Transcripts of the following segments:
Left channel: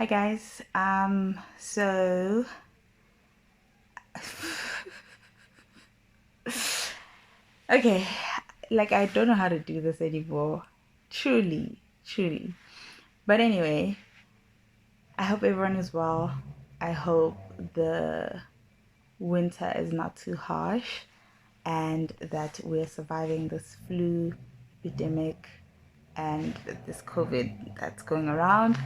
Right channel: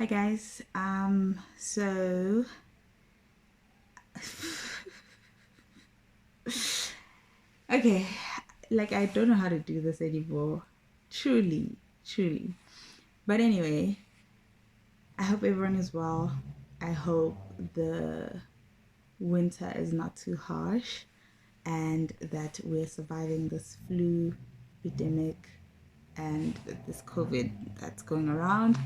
Hi guys. So okay, like I don't know how to do this anymore. Truly. But anyway, I hope everyone is well. I hope the winter is not too harsh and that we're surviving this flu epidemic and this COVID that's going around.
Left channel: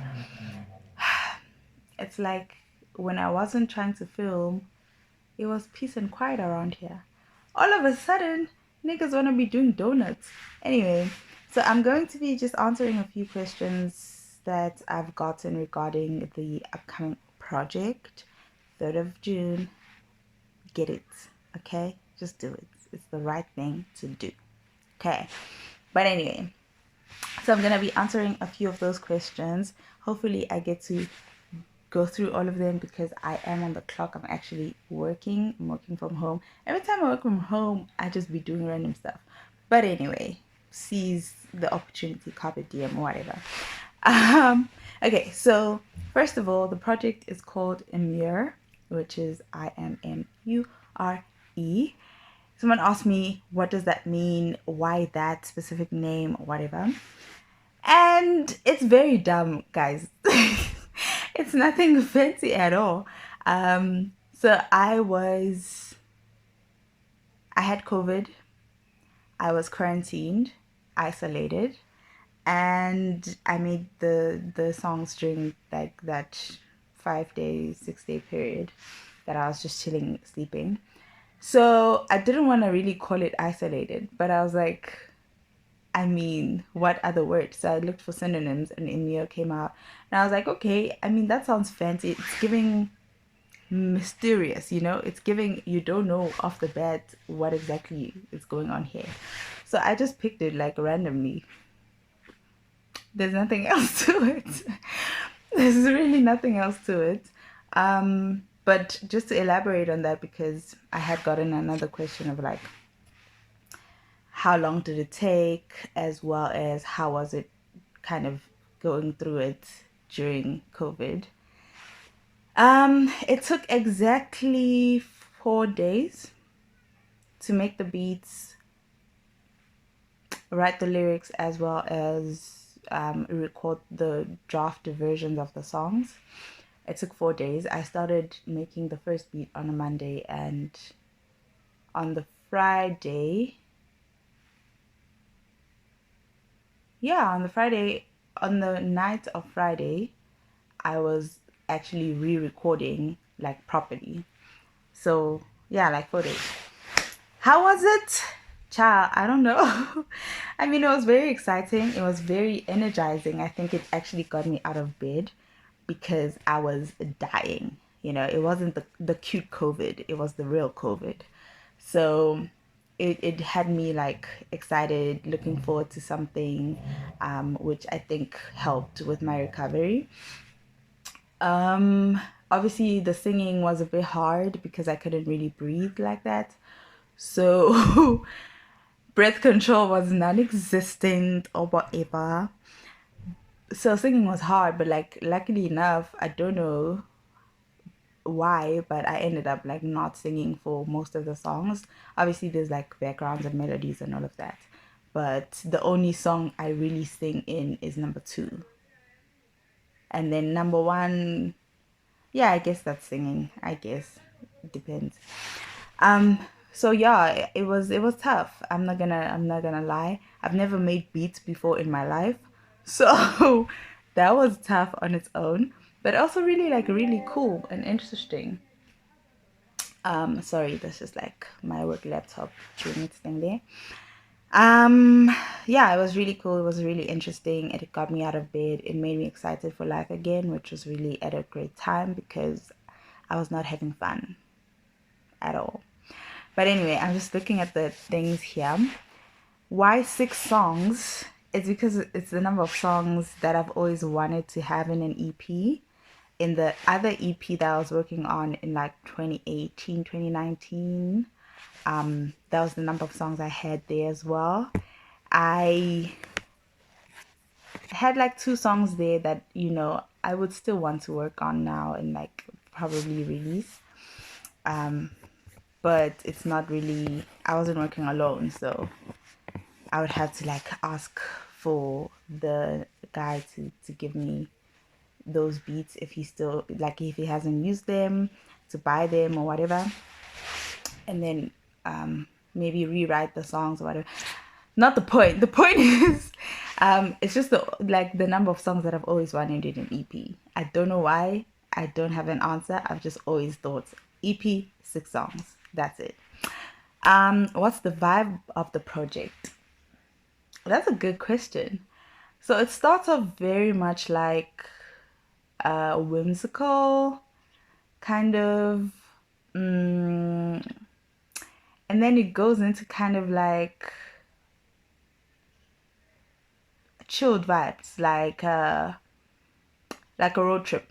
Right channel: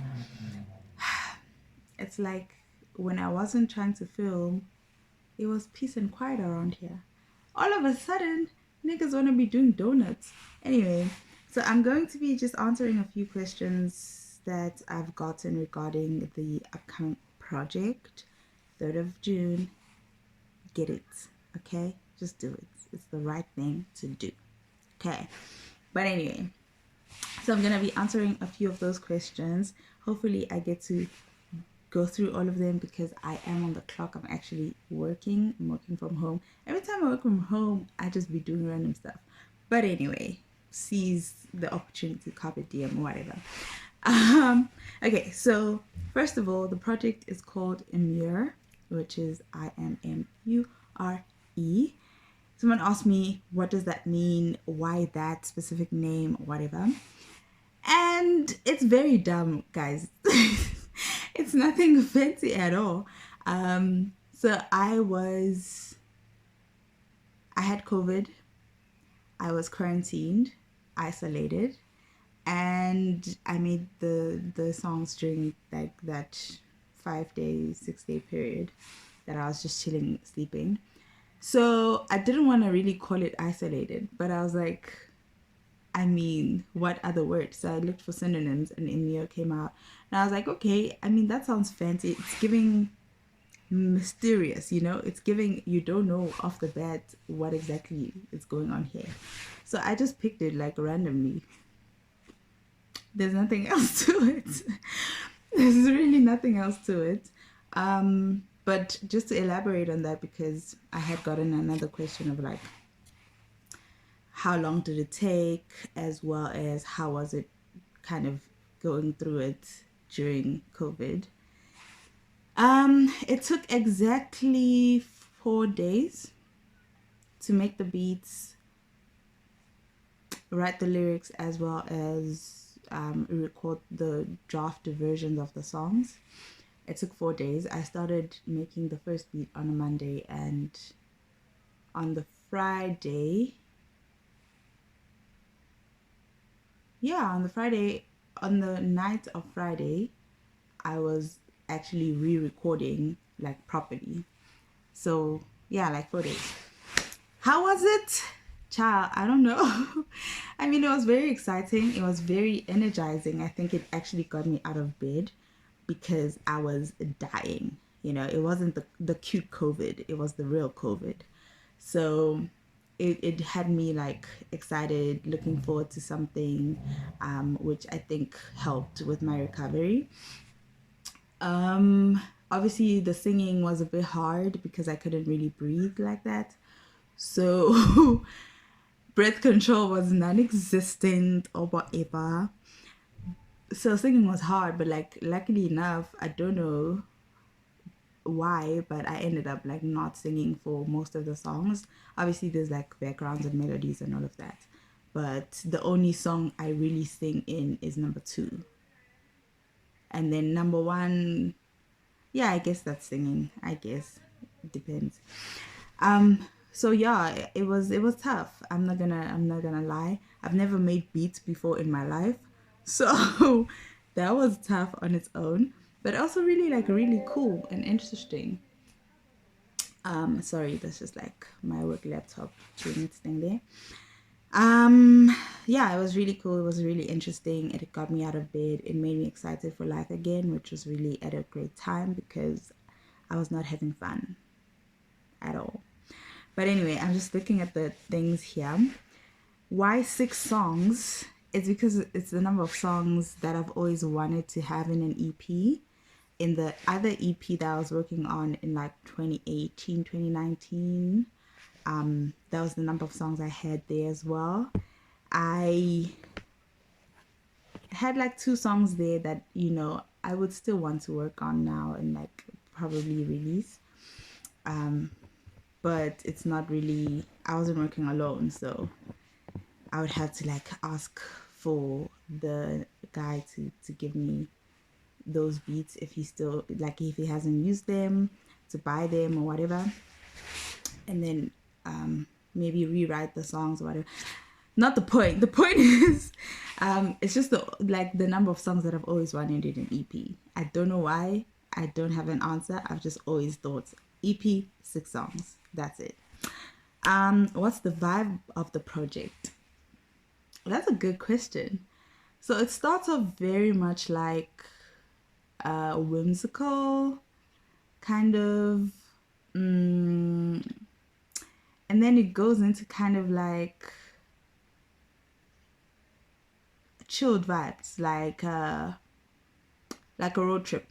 It's like when I wasn't trying to film, it was peace and quiet around here. All of a sudden, niggas want to be doing donuts. Anyway, so I'm going to be just answering a few questions that I've gotten regarding the upcoming project. 3rd of June. Get it. Okay? Just do it. It's the right thing to do. Okay. But anyway, so I'm going to be answering a few of those questions. Hopefully, I get to go through all of them because I am on the clock. I'm actually working. I'm working from home. Every time I work from home, I just be doing random stuff. But anyway, seize the opportunity, carpe diem, whatever. Okay, so first of all, the project is called Immure, which is Immure. Someone asked me, what does that mean? Why that specific name? Whatever. And it's very dumb, guys. It's nothing fancy at all. So I had COVID. I was quarantined, isolated, and I made the songs during like that 5 day, 6 day period that I was just chilling, sleeping. So I didn't want to really call it isolated, but I was like, I mean, what other words? So I looked for synonyms and Immure came out. And I was like, okay, I mean, that sounds fancy. It's giving mysterious, It's giving, you don't know off the bat what exactly is going on here. So I just picked it like randomly. There's nothing else to it. There's really nothing else to it. But just to elaborate on that, because I had gotten another question of like, how long did it take, as well as how was it kind of going through it during COVID. It took exactly 4 days to make the beats, write the lyrics, as well as record the draft versions of the songs. It took 4 days. I started making the first beat on a Monday, and on the Friday, on the night of Friday, I was actually re-recording like properly. So yeah, like 4 days. How was it? Child, I don't know. I mean, it was very exciting. It was very energizing. I think it actually got me out of bed because I was dying. It wasn't the cute COVID. It was the real COVID. So it had me like excited, looking forward to something, which I think helped with my recovery. Obviously the singing was a bit hard because I couldn't really breathe like that. So breath control was non-existent or whatever. So singing was hard, but like luckily enough, I don't know why, but I ended up like not singing for most of the songs. Obviously there's like backgrounds and melodies and all of that. But the only song I really sing in is number 2. And then number 1, yeah, I guess that's singing. I guess it depends. So yeah, it was tough. I'm not gonna lie. I've never made beats before in my life. So that was tough on its own, but also really cool and interesting. Sorry, that's just like my work laptop doing its thing there. Yeah, it was really cool. It was really interesting. It got me out of bed. It made me excited for life again, which was really at a great time because I was not having fun at all. But anyway, I'm just looking at the things here. Why 6 songs? It's because it's the number of songs that I've always wanted to have in an EP. In the other EP that I was working on in like 2018, 2019, that was the number of songs I had there as well. I had like 2 songs there that, you know, I would still want to work on now and like probably release. But it's not really, I wasn't working alone, so I would have to like ask for the guy to give me those beats if he still, like, if he hasn't used them, to buy them or whatever, and then maybe rewrite the songs or whatever. Not the point. The point is, it's just the number of songs that I've always wanted in an EP. I don't know why. I don't have an answer. I've just always thought EP, 6 songs. That's it. What's the vibe of the project? That's a good question. So it starts off very much like whimsical, kind of, and then it goes into kind of like chilled vibes, like a road trip,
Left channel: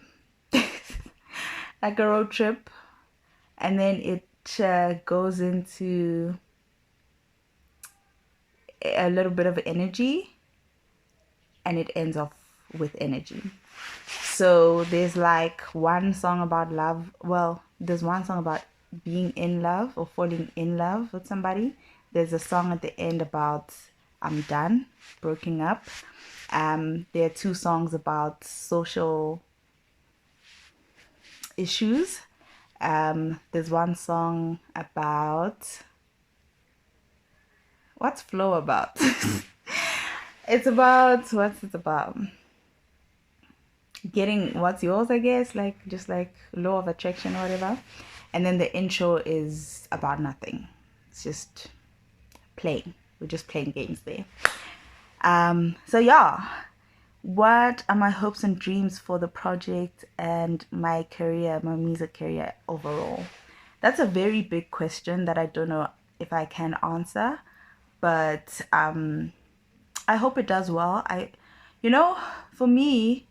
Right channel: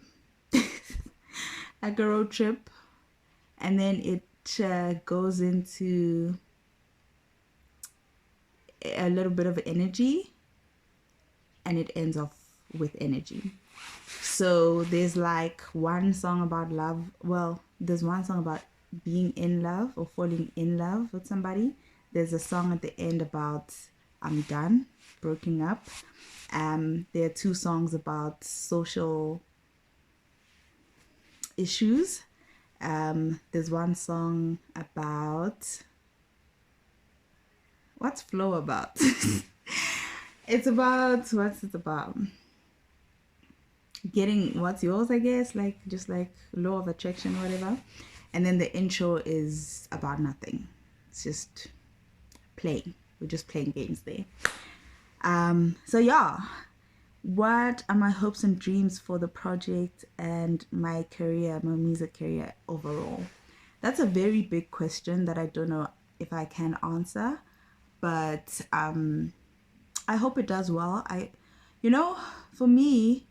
like a road trip, and then it goes into a little bit of energy, and it ends off with energy. So there's like one song about love. Well, there's one song about being in love or falling in love with somebody. There's a song at the end about I'm done, broken up. There are 2 songs about social issues. There's one song about, what's flow about? It's about, what's it about? Getting what's yours, I guess, like just like law of attraction or whatever. And then the intro is about nothing. It's just playing. We're just playing games there. So yeah, what are my hopes and dreams for the project and my career, my music career overall? That's a very big question that I don't know if I can answer, but I hope it does well. For me,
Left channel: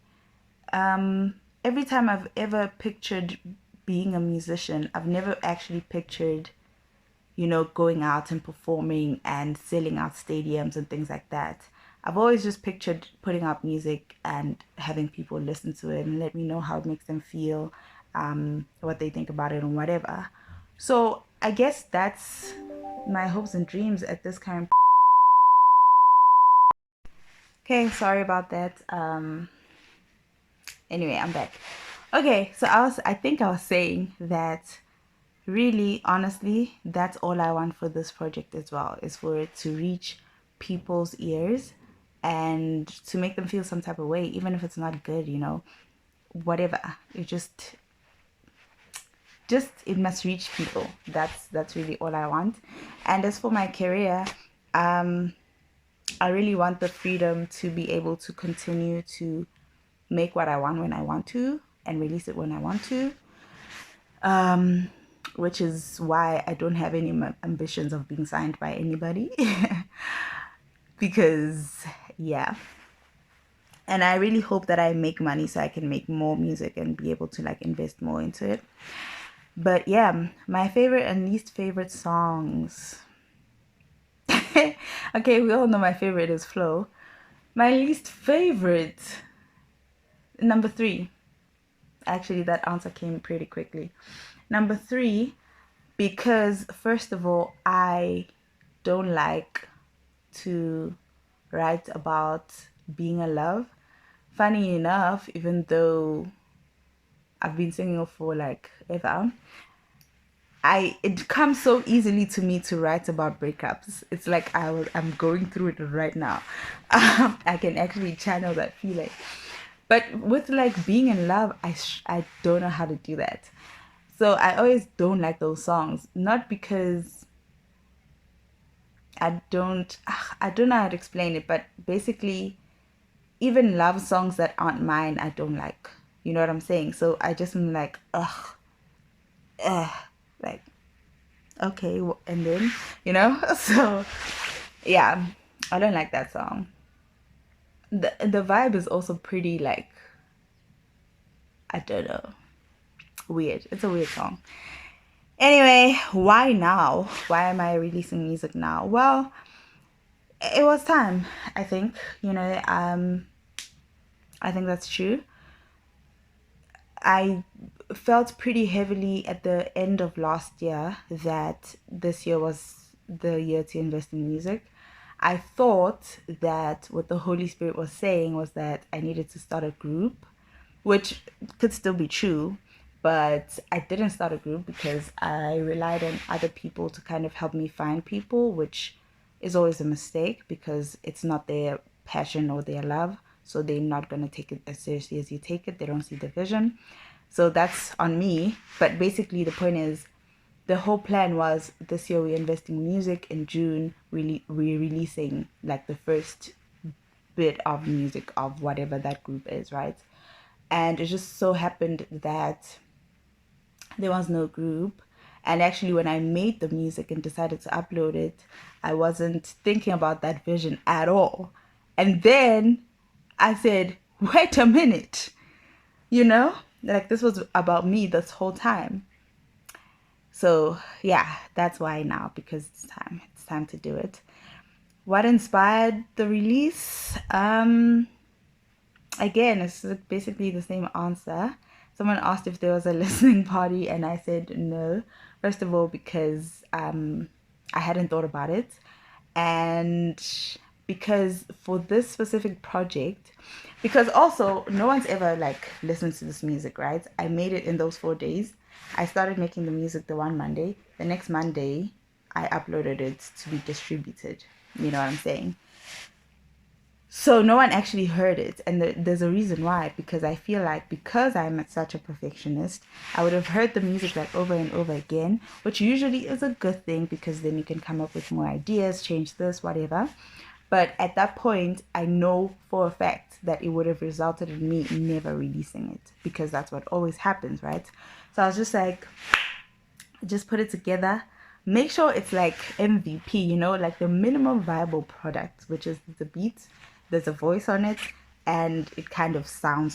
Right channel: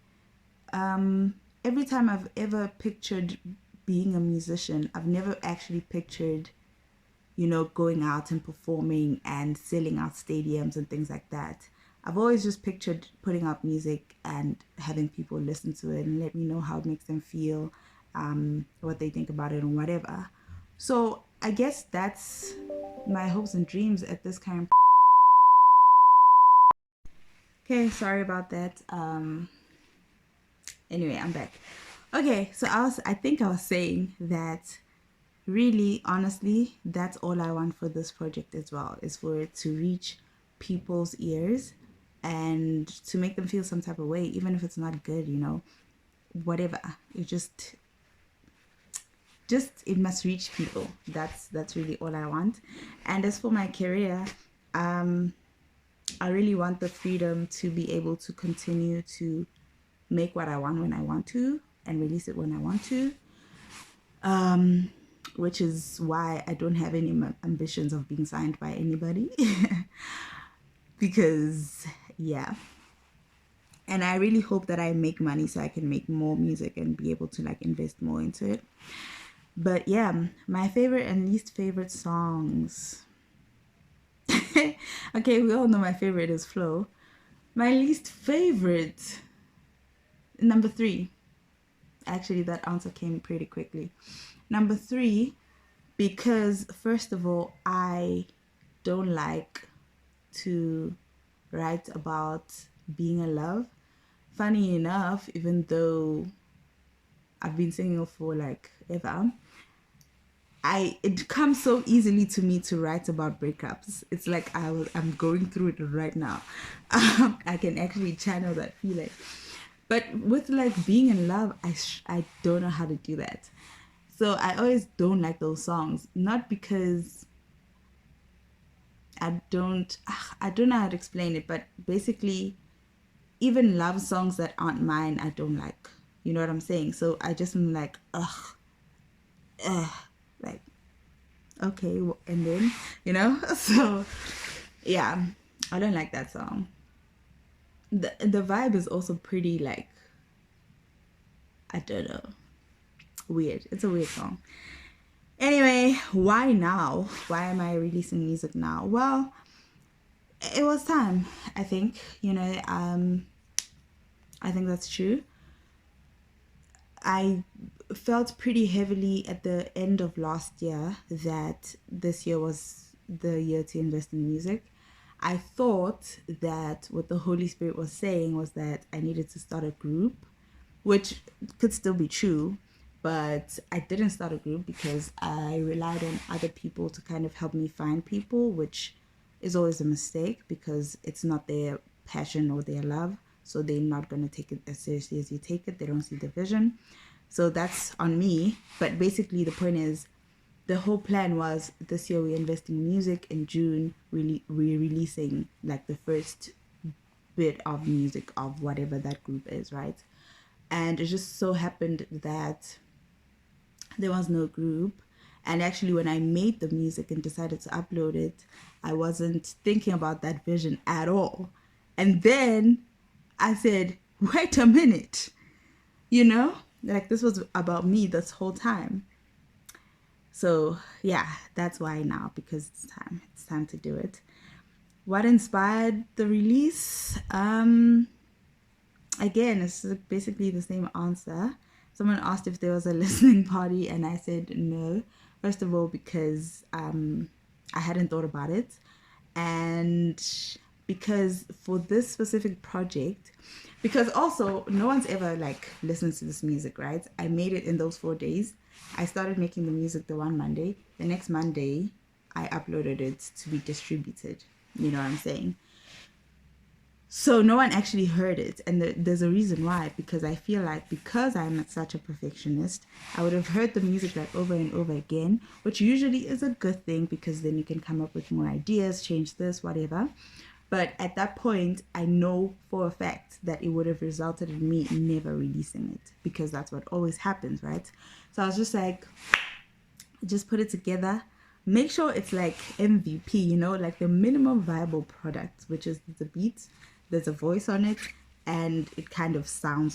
every time I've ever pictured being a musician, I've never actually pictured, going out and performing and selling out stadiums and things like that. I've always just pictured putting out music and having people listen to it and let me know how it makes them feel, what they think about it and whatever. So I guess that's my hopes and dreams at this current. Okay, sorry about that. Anyway, I'm back. Okay, so I think I was saying that really, honestly, that's all I want for this project as well, is for it to reach people's ears and to make them feel some type of way, even if it's not good, whatever. It just it must reach people. That's really all I want. And as for my career, I really want the freedom to be able to continue to make what I want when I want to and release it when I want to, which is why I don't have any ambitions of being signed by anybody. Because yeah, and I really hope that I make money so I can make more music and be able to like invest more into it. But yeah, my favorite and least favorite songs. Okay, we all know my favorite is Flow. My least favorite, number 3. Actually, that answer came pretty quickly. Number 3, because first of all, I don't like to write about being in love. Funny enough, even though I've been singing for like ever, it comes so easily to me to write about breakups. It's like I'm going through it right now. I can actually channel that feeling. But with like being in love, I don't know how to do that. So I always don't like those songs. Not because I don't know how to explain it, but basically even love songs that aren't mine, I don't like. You know what I'm saying? So I just am like, like, okay, and then, so yeah, I don't like that song. The vibe is also pretty like, I don't know, weird. It's a weird song. Anyway, why now? Why am I releasing music now? Well, it was time, I think. I think that's true. I felt pretty heavily at the end of last year that this year was the year to invest in music. I thought that what the Holy Spirit was saying was that I needed to start a group, which could still be true, but I didn't start a group because I relied on other people to kind of help me find people, which is always a mistake because it's not their passion or their love. So they're not going to take it as seriously as you take it. They don't see the vision. So that's on me. But basically, the point is, the whole plan was this year we're investing in music. In June, we're releasing like the first bit of music of whatever that group is, right? And it just so happened that there was no group. And actually, when I made the music and decided to upload it, I wasn't thinking about that vision at all. And then I said, wait a minute, like this was about me this whole time. So yeah, that's why now, because it's time to do it. What inspired the release? Again, it's basically the same answer. Someone asked if there was a listening party, and I said no. First of all, because I hadn't thought about it, and because for this specific project, because also no one's ever like listened to this music, right? I made it in those 4 days. I started making the music the one Monday. The next Monday, I uploaded it to be distributed. You know what I'm saying? So no one actually heard it, and there's a reason why. Because I feel like because I'm such a perfectionist, I would have heard the music like over and over again, which usually is a good thing because then you can come up with more ideas, change this, whatever. But at that point, I know for a fact that it would have resulted in me never releasing it because that's what always happens, right? So I was just like, just put it together. Make sure it's like MVP, like the minimum viable product, which is the beat. There's a voice on it, and it kind of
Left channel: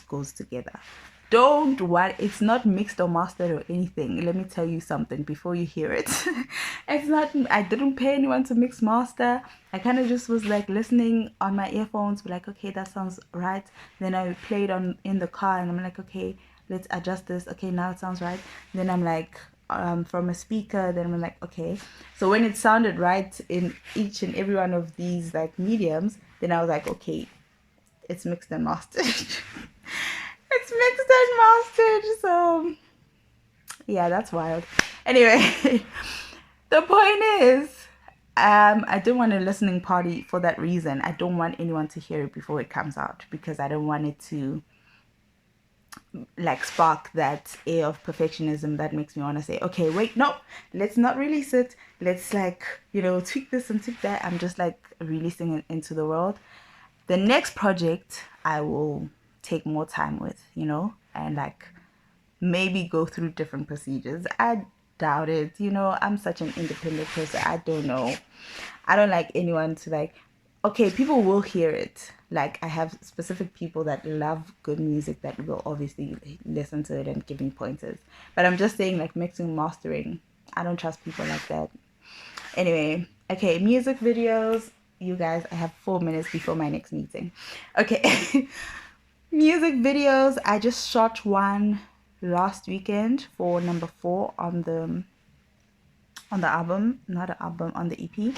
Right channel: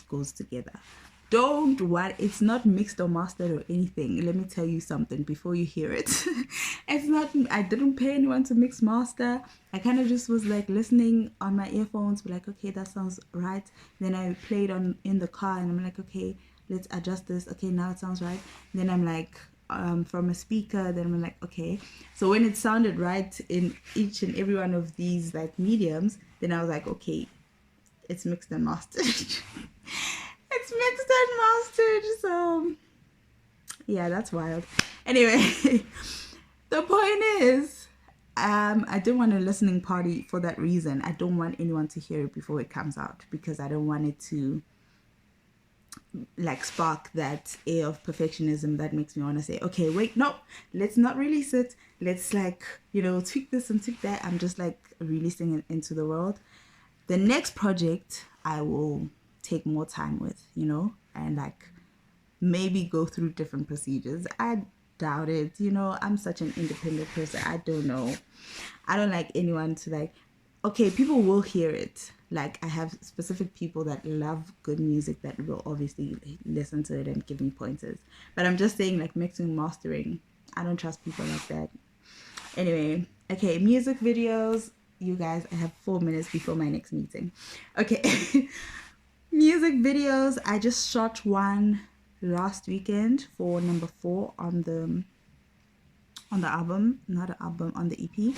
goes together. Don't worry, it's not mixed or mastered or anything. Let me tell you something before you hear it. It's not, I didn't pay anyone to mix master. I kind of just was like listening on my earphones, be like, okay, that sounds right. Then I played in the car and I'm like, okay, let's adjust this. Okay, now it sounds right. Then I'm like, from a speaker, then I'm like, okay. So when it sounded right in each and every one of these like mediums, then I was like, okay, it's mixed and mastered. It's mixed and mastered. So yeah, that's wild. Anyway, the point is, I don't want a listening party for that reason. I don't want anyone to hear it before it comes out because I don't want it to like spark that air of perfectionism that makes me want to say, okay, wait, no, let's not release it. Let's like, tweak this and tweak that. I'm just like releasing it into the world. The next project I will take more time with, and like maybe go through different procedures. I doubt it. I'm such an independent person. I don't know. I don't like anyone to like, okay, people will hear it. Like I have specific people that love good music that will obviously listen to it and give me pointers. But I'm just saying like mixing, mastering. I don't trust people like that. Anyway, okay, music videos. You guys, I have 4 minutes before my next meeting. Okay. Music videos. I just shot one last weekend for number 4 on the album, not the album, on the EP.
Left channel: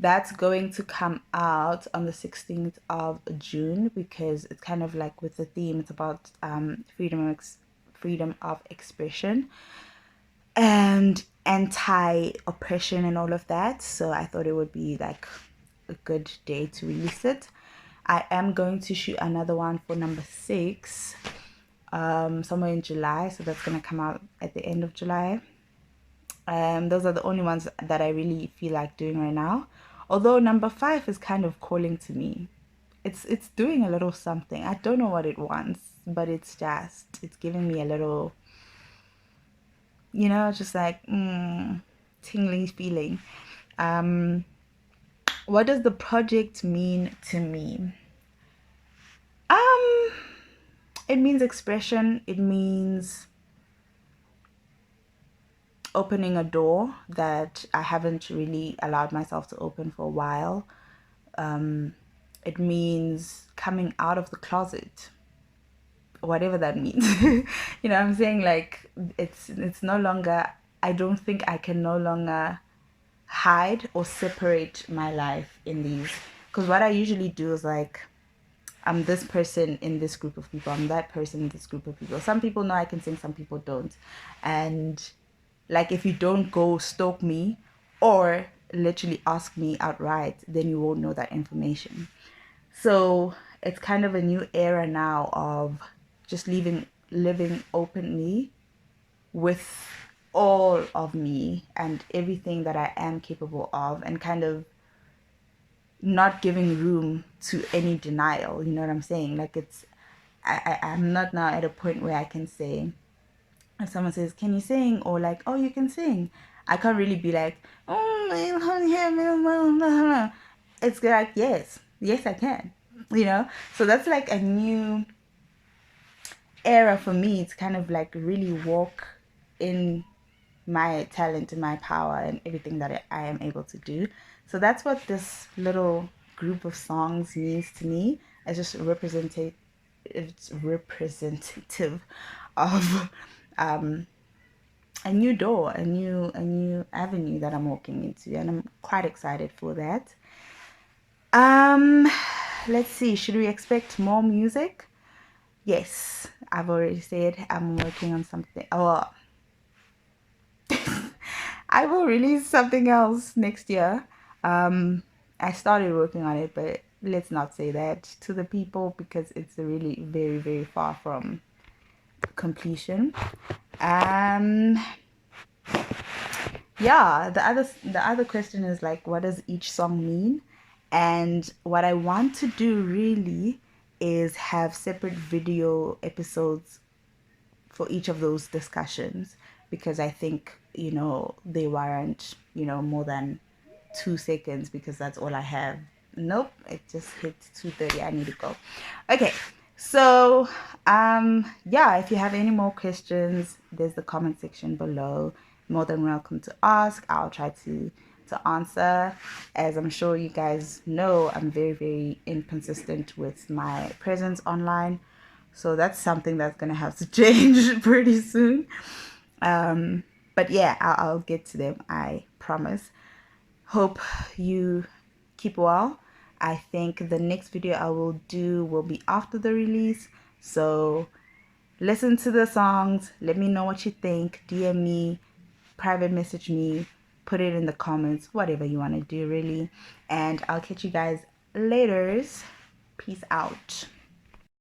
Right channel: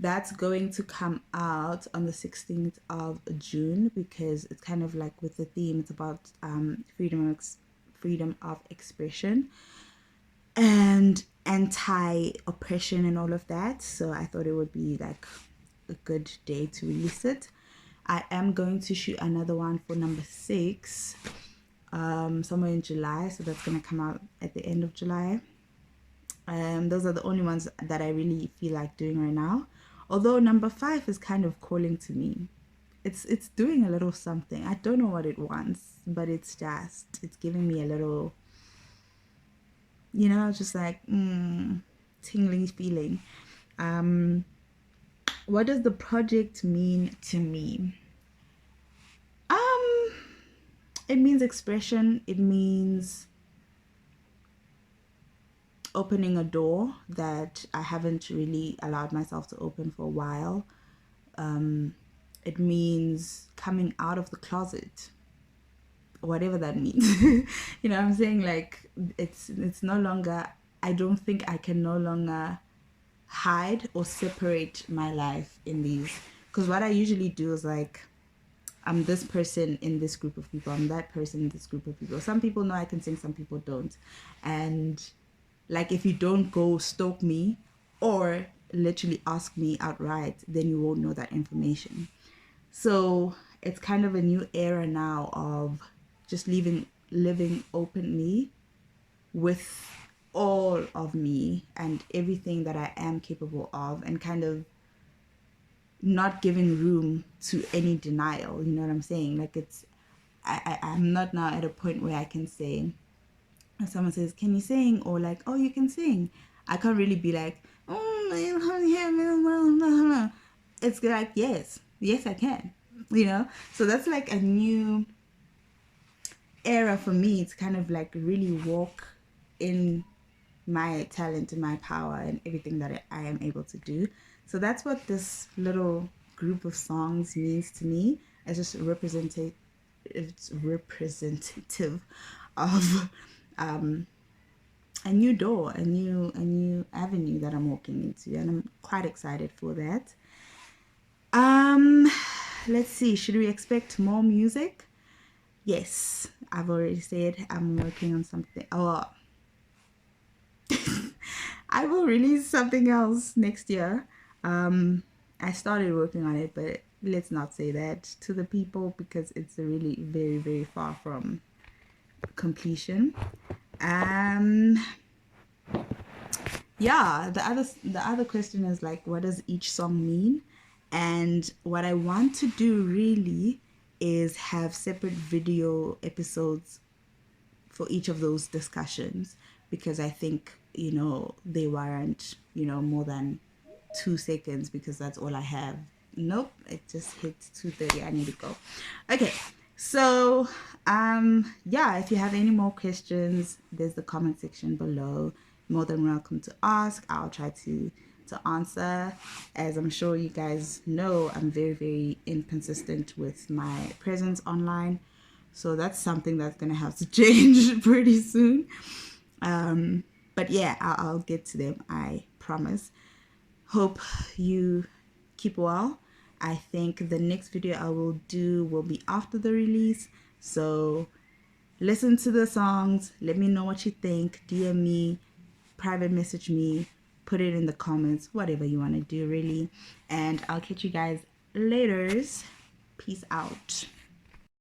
That's going to come out on the 16th of June because it's kind of like with the theme. It's about freedom of expression and anti-oppression and all of that. So I thought it would be like a good day to release it. I am going to shoot another one for number 6 somewhere in July. So that's going to come out at the end of July. Those are the only ones that I really feel like doing right now. Although number 5 is kind of calling to me. It's doing a little something. I don't know what it wants, but it's giving me a little, just like tingling feeling. What does the project mean to me? It means expression. It means opening a door that I haven't really allowed myself to open for a while. It means coming out of the closet. whatever that means. You know what I'm saying? Like, it's no longer, I don't think I can no longer hide or separate my life in these. Because what I usually do is like, I'm this person in this group of people, I'm that person in this group of people. Some people know I can sing, some people don't. And like, if you don't go stalk me or literally ask me outright, then you won't know that information. So it's kind of a new era now of just living openly with all of me and everything that I am capable of, and kind of not giving room to any denial. You know what I'm saying? Like, it's, I'm not now at a point where I can say, if someone says, can you sing? Or like, oh, you can sing. I can't really be like, oh, it's like, yes, I can, you know? So that's like a new era for me to kind of like really walk in my talent and my power and everything that I am able to do. So that's what this little group of songs means to me. It's just it's representative of a new door, a new avenue that I'm walking into, and I'm quite excited for that. Let's see, should we expect more music? Yes, I've already said I'm working on something. Oh, I will release something else next year. I started working on it, but let's not say that to the people because it's really very, very far from completion. Yeah, the other question is like, what does each song mean? And what I want to do really is have separate video episodes for each of those discussions, because I think, they warrant, more than 2 seconds, because that's all I have. Nope, it just hit 2:30. I need to go. Okay, so yeah, if you have any more questions, there's the comment section below. More than welcome to ask. I'll try to answer. As I'm sure you guys know, I'm very, very inconsistent with my presence online. So that's something that's going to have to change pretty soon. But yeah, I'll get to them, I promise. Hope you keep well. I think the next video I will do will be after the release. So listen to the songs. Let me know what you think. DM me, private message me, put it in the comments, whatever you want to do really. And I'll catch you guys later. Peace out.